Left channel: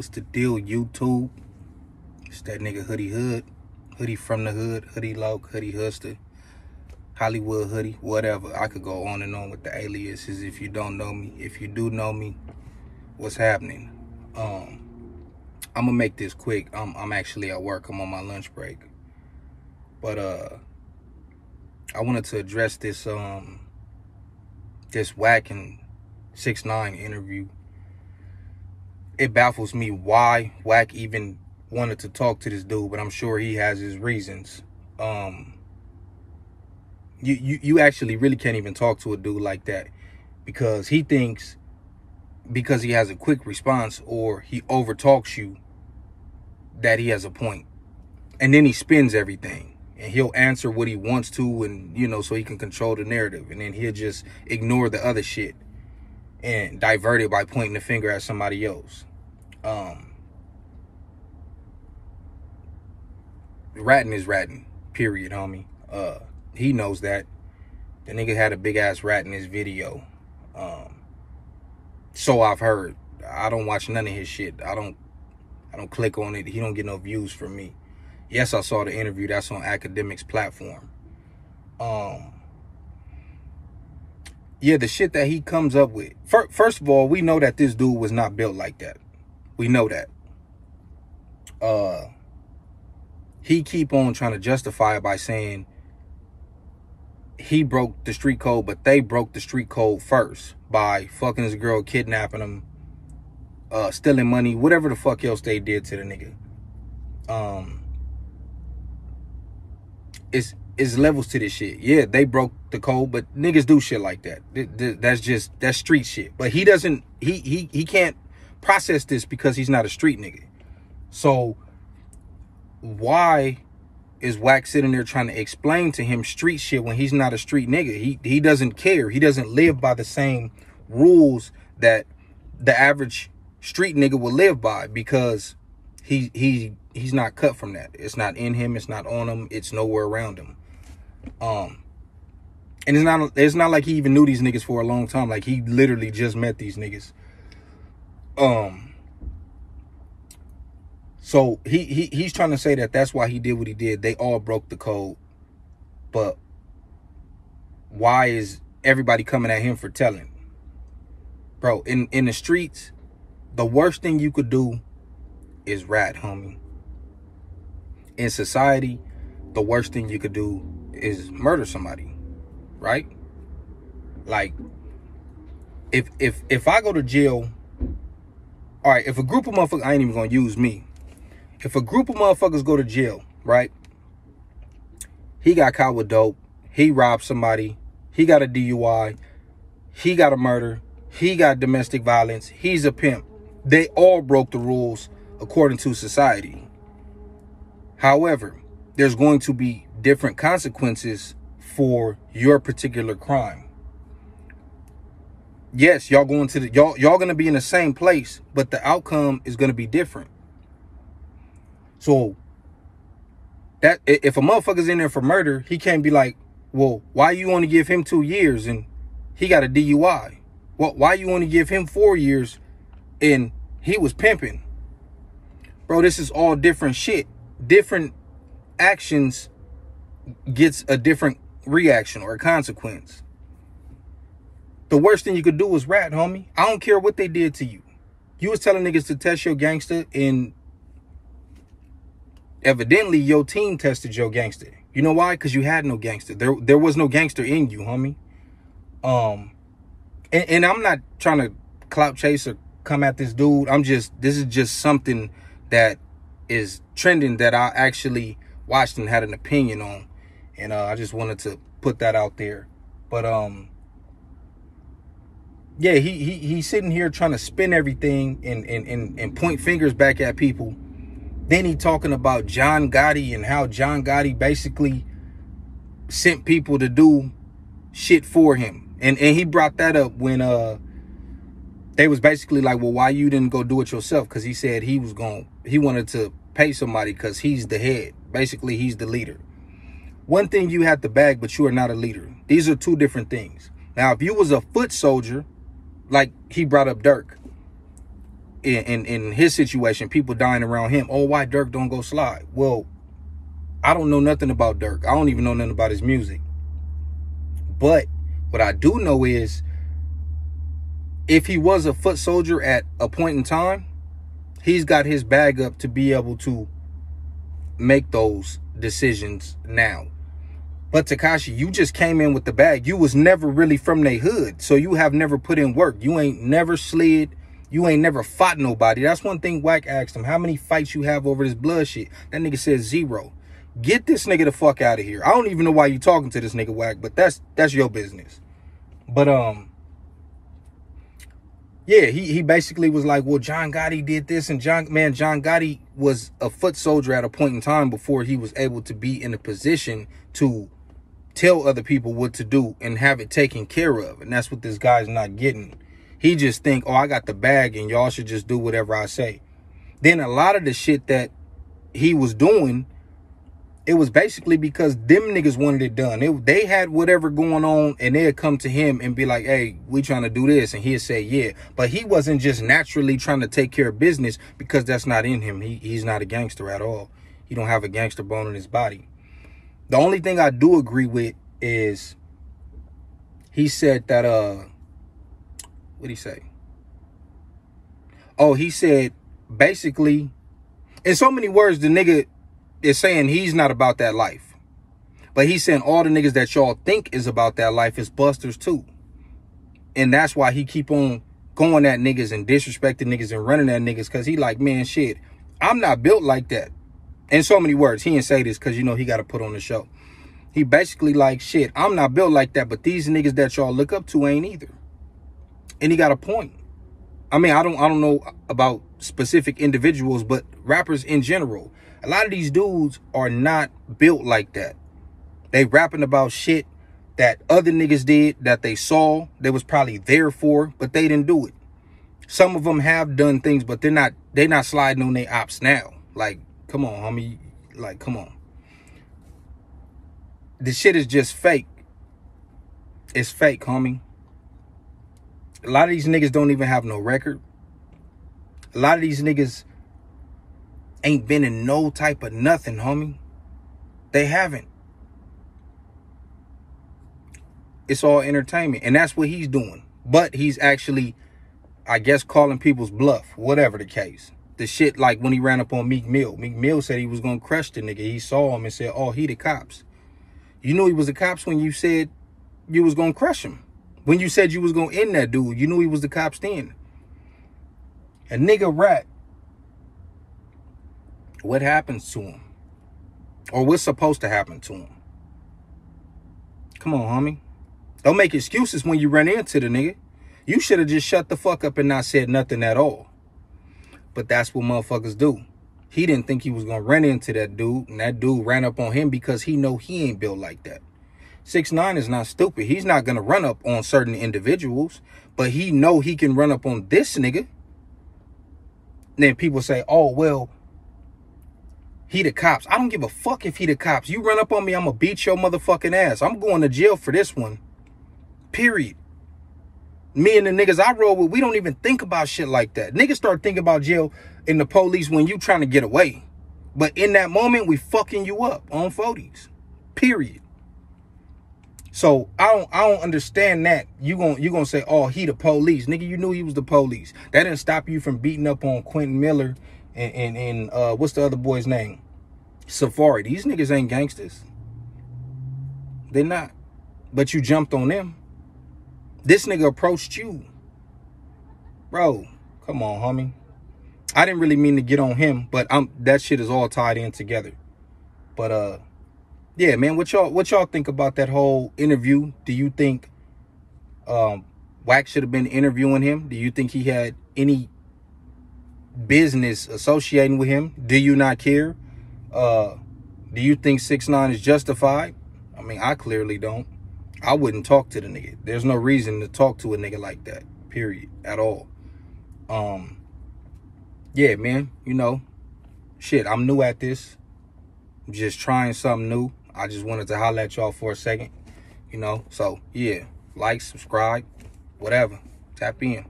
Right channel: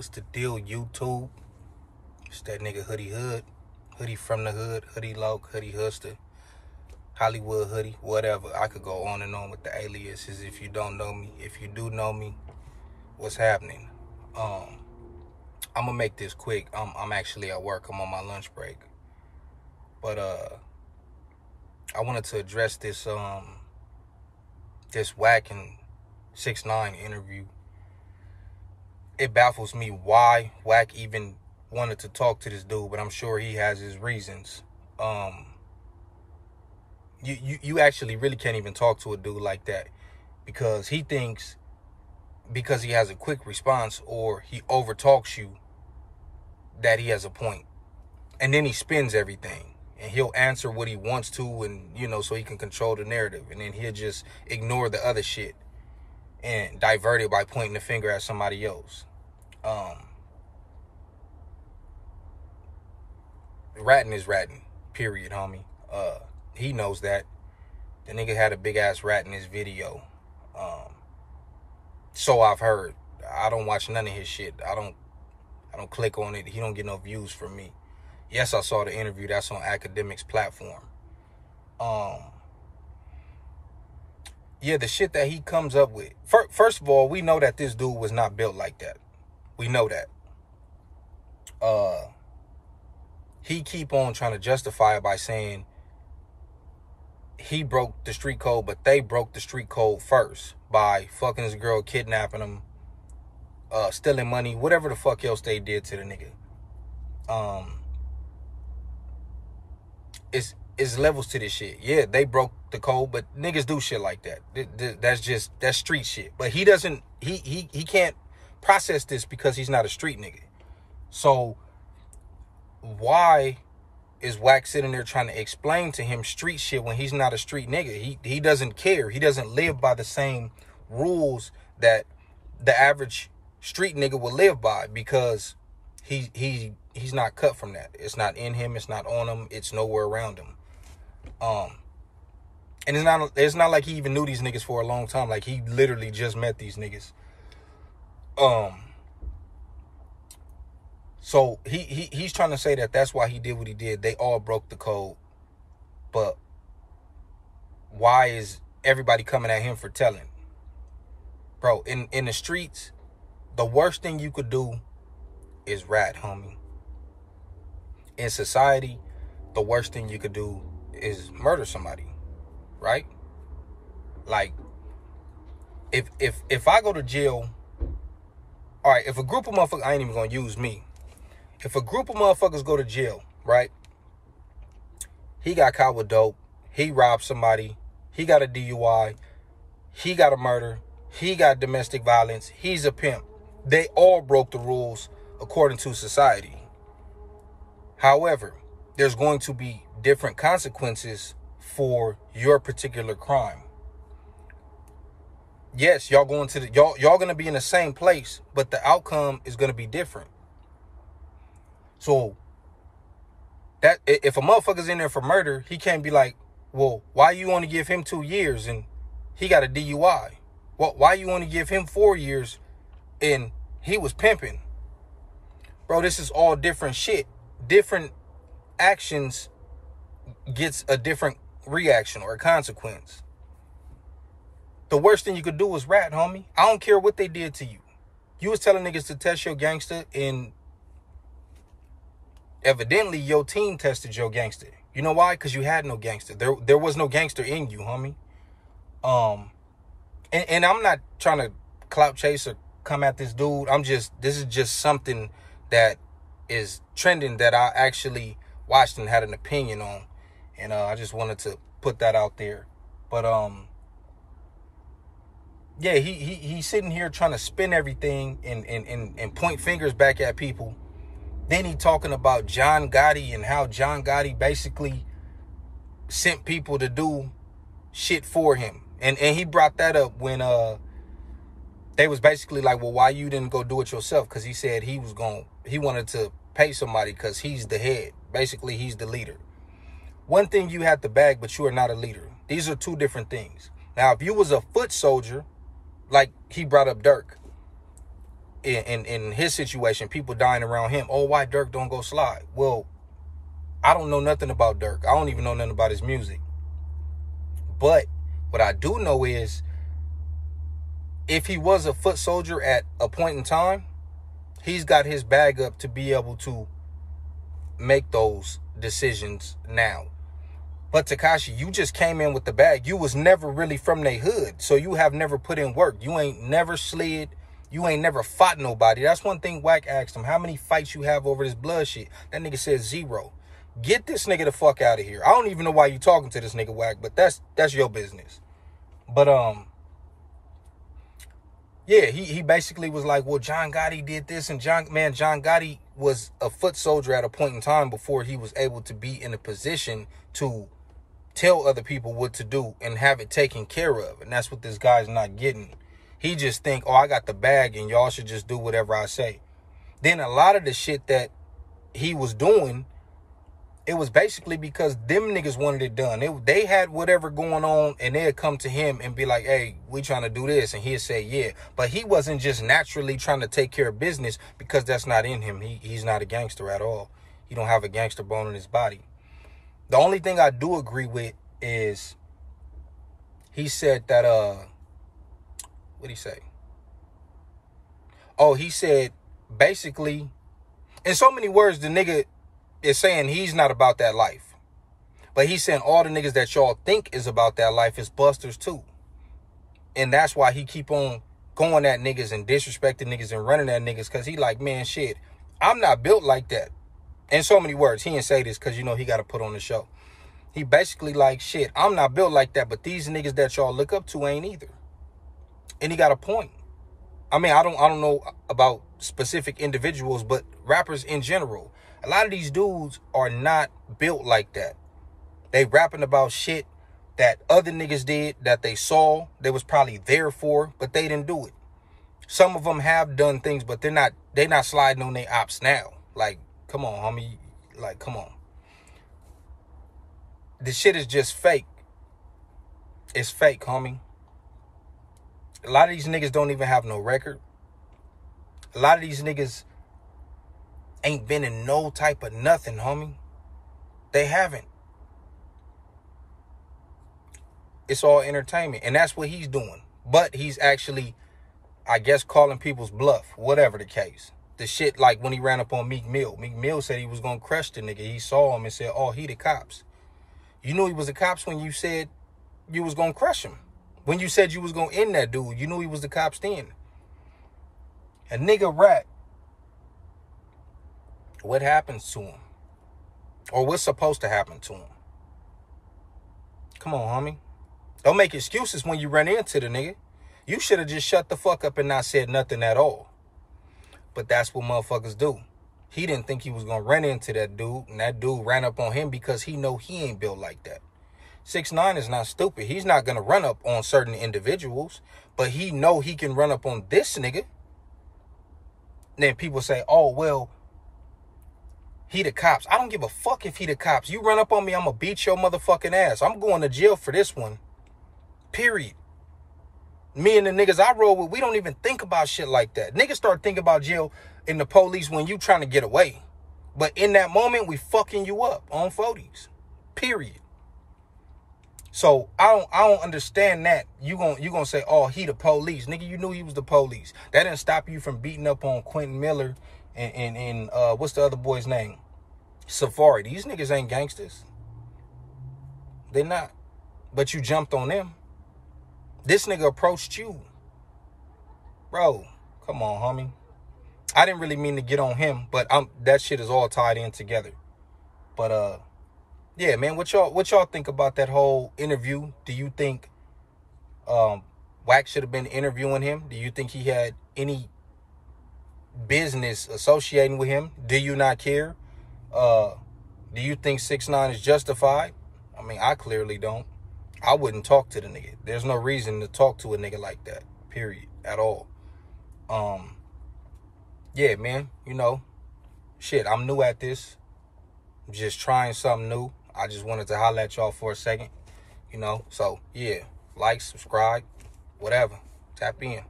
What's the deal, YouTube? It's that nigga Hoodie Hood. Hoodie from the hood. Hoodie Loc. Hoodie Huster. Hollywood Hoodie. Whatever. I could go on and on with the aliases if you don't know me. If you do know me, what's happening? I'm gonna make this quick. I'm actually at work. I'm on my lunch break. But I wanted to address this this Wack and 6ix9ine interview. It baffles me why Wack even wanted to talk to this dude, but I'm sure he has his reasons. You actually really can't even talk to a dude like that, because he thinks because he has a quick response or he overtalks you that he has a point. And then he spins everything and he'll answer what he wants to, and you know, so he can control the narrative, and then he'll just ignore the other shit and divert it by pointing the finger at somebody else. Ratting is ratting, period, homie. He knows that. The nigga had a big ass rat in his video. So I've heard. I don't watch none of his shit. I don't click on it. He don't get no views from me. Yes, I saw the interview. That's on Academics platform. Yeah, the shit that he comes up with. First of all, we know that this dude was not built like that. We know that. He keep on trying to justify it by saying he broke the street code, but they broke the street code first by fucking his girl, kidnapping him, stealing money, whatever the fuck else they did to the nigga. It's levels to this shit. Yeah, they broke the code, but niggas do shit like that. That's street shit. But he doesn't, he can't process this because he's not a street nigga. So why is Wack sitting there trying to explain to him street shit when he's not a street nigga? He doesn't care. He doesn't live by the same rules that the average street nigga will live by, because he's not cut from that. It's not in him. It's not on him. It's nowhere around him. And it's not like he even knew these niggas for a long time. Like, he literally just met these niggas. So he's trying to say that that's why he did what he did. They all broke the code. But why is everybody coming at him for telling? Bro, in the streets, the worst thing you could do is rat, homie. In society, the worst thing you could do is murder somebody, right? Like, if I go to jail, all right, if a group of motherfuckers, I ain't even gonna use me. If a group of motherfuckers go to jail, right? He got caught with dope. He robbed somebody. He got a DUI. He got a murder. He got domestic violence. He's a pimp. They all broke the rules according to society. However, there's going to be different consequences for your particular crime. Yes, y'all going to the y'all gonna be in the same place, but the outcome is gonna be different. So that if a motherfucker's in there for murder, he can't be like, well, why you want to give him 2 years and he got a DUI? Well, why you want to give him 4 years and he was pimping? Bro, this is all different shit. Different actions gets a different reaction or a consequence. The worst thing you could do is rat, homie. I don't care what they did to you. You was telling niggas to test your gangster, and evidently your team tested your gangster. You know why? Because you had no gangster. There was no gangster in you, homie. And I'm not trying to clout chase or come at this dude. This is just something that is trending that I actually watched and had an opinion on. And I just wanted to put that out there. But yeah, he's sitting here trying to spin everything and point fingers back at people. Then he talking about John Gotti and how John Gotti basically sent people to do shit for him. And he brought that up when they was basically like, well, why you didn't go do it yourself? Because he said he wanted to pay somebody because he's the head. Basically, he's the leader. One thing you have to bag, but you are not a leader. These are two different things. Now, if you was a foot soldier, like he brought up Dirk, in his situation, people dying around him. Oh, why Durk don't go slide? Well, I don't know nothing about Durk. I don't even know nothing about his music. But what I do know is, if he was a foot soldier at a point in time, he's got his bag up to be able to make those decisions now. But Tekashi, you just came in with the bag. You was never really from they hood, so you have never put in work. You ain't never slid. You ain't never fought nobody. That's one thing Wack asked him. How many fights you have over this blood shit? That nigga said 0. Get this nigga the fuck out of here. I don't even know why you talking to this nigga, Wack, but that's your business. But yeah, he basically was like, well, John Gotti did this, and John Gotti was a foot soldier at a point in time before he was able to be in a position to tell other people what to do and have it taken care of. And that's what this guy's not getting. He just think, oh, I got the bag and y'all should just do whatever I say. Then a lot of the shit that he was doing, it was basically because them niggas wanted it done. They had whatever going on, and they'd come to him and be like, hey, we trying to do this. And he'd say, yeah. But he wasn't just naturally trying to take care of business, because that's not in him. He's not a gangster at all. He don't have a gangster bone in his body. The only thing I do agree with is he said that, what'd he say? Oh, he said, basically, in so many words, the nigga is saying he's not about that life. But he's saying all the niggas that y'all think is about that life is busters too. And that's why he keep on going at niggas and disrespecting niggas and running at niggas, because he like, man, shit, I'm not built like that. In so many words, he didn't say this because, you know, he got to put on the show. He basically like, shit, I'm not built like that, but these niggas that y'all look up to ain't either. And he got a point. I mean, I don't know about specific individuals, but rappers in general, a lot of these dudes are not built like that. They rapping about shit that other niggas did, that they saw, they was probably there for, but they didn't do it. Some of them have done things, but they're not sliding on their ops now. Like, come on, homie. Like, come on. This shit is just fake. It's fake, homie. A lot of these niggas don't even have no record. A lot of these niggas ain't been in no type of nothing, homie. They haven't. It's all entertainment. And that's what he's doing. But he's actually, I guess, calling people's bluff. Whatever the case. The shit like when he ran up on Meek Mill. Meek Mill said he was going to crush the nigga. He saw him and said, oh, he the cops. You knew he was the cops when you said you was going to crush him. When you said you was going to end that dude, you knew he was the cops then. A nigga rat. What happens to him? Or what's supposed to happen to him? Come on, homie. Don't make excuses when you run into the nigga. You should have just shut the fuck up and not said nothing at all. But that's what motherfuckers do. He didn't think he was going to run into that dude, and that dude ran up on him because he know he ain't built like that. 6ix9ine is not stupid. He's not going to run up on certain individuals, but he know he can run up on this nigga. And then people say, oh, well, he the cops. I don't give a fuck if he the cops. You run up on me, I'm going to beat your motherfucking ass. I'm going to jail for this one. Period. Me and the niggas I roll with, we don't even think about shit like that. Niggas start thinking about jail and the police when you trying to get away. But in that moment, we fucking you up on 40s. Period. So I don't understand that. You gonna say, oh, he the police. Nigga, you knew he was the police. That didn't stop you from beating up on Quentin Miller and what's the other boy's name? Safari. These niggas ain't gangsters. They're not. But you jumped on them. This nigga approached you. Bro, come on, homie. I didn't really mean to get on him, but that shit is all tied in together. But yeah, man, what y'all think about that whole interview? Do you think Wack should have been interviewing him? Do you think he had any business associating with him? Do you not care? Do you think 6ix9ine is justified? I mean, I clearly don't. I wouldn't talk to the nigga. There's no reason to talk to a nigga like that, period, at all. Yeah, man, you know, shit, I'm new at this. I'm just trying something new. I just wanted to holler at y'all for a second, you know. So, yeah, like, subscribe, whatever. Tap in.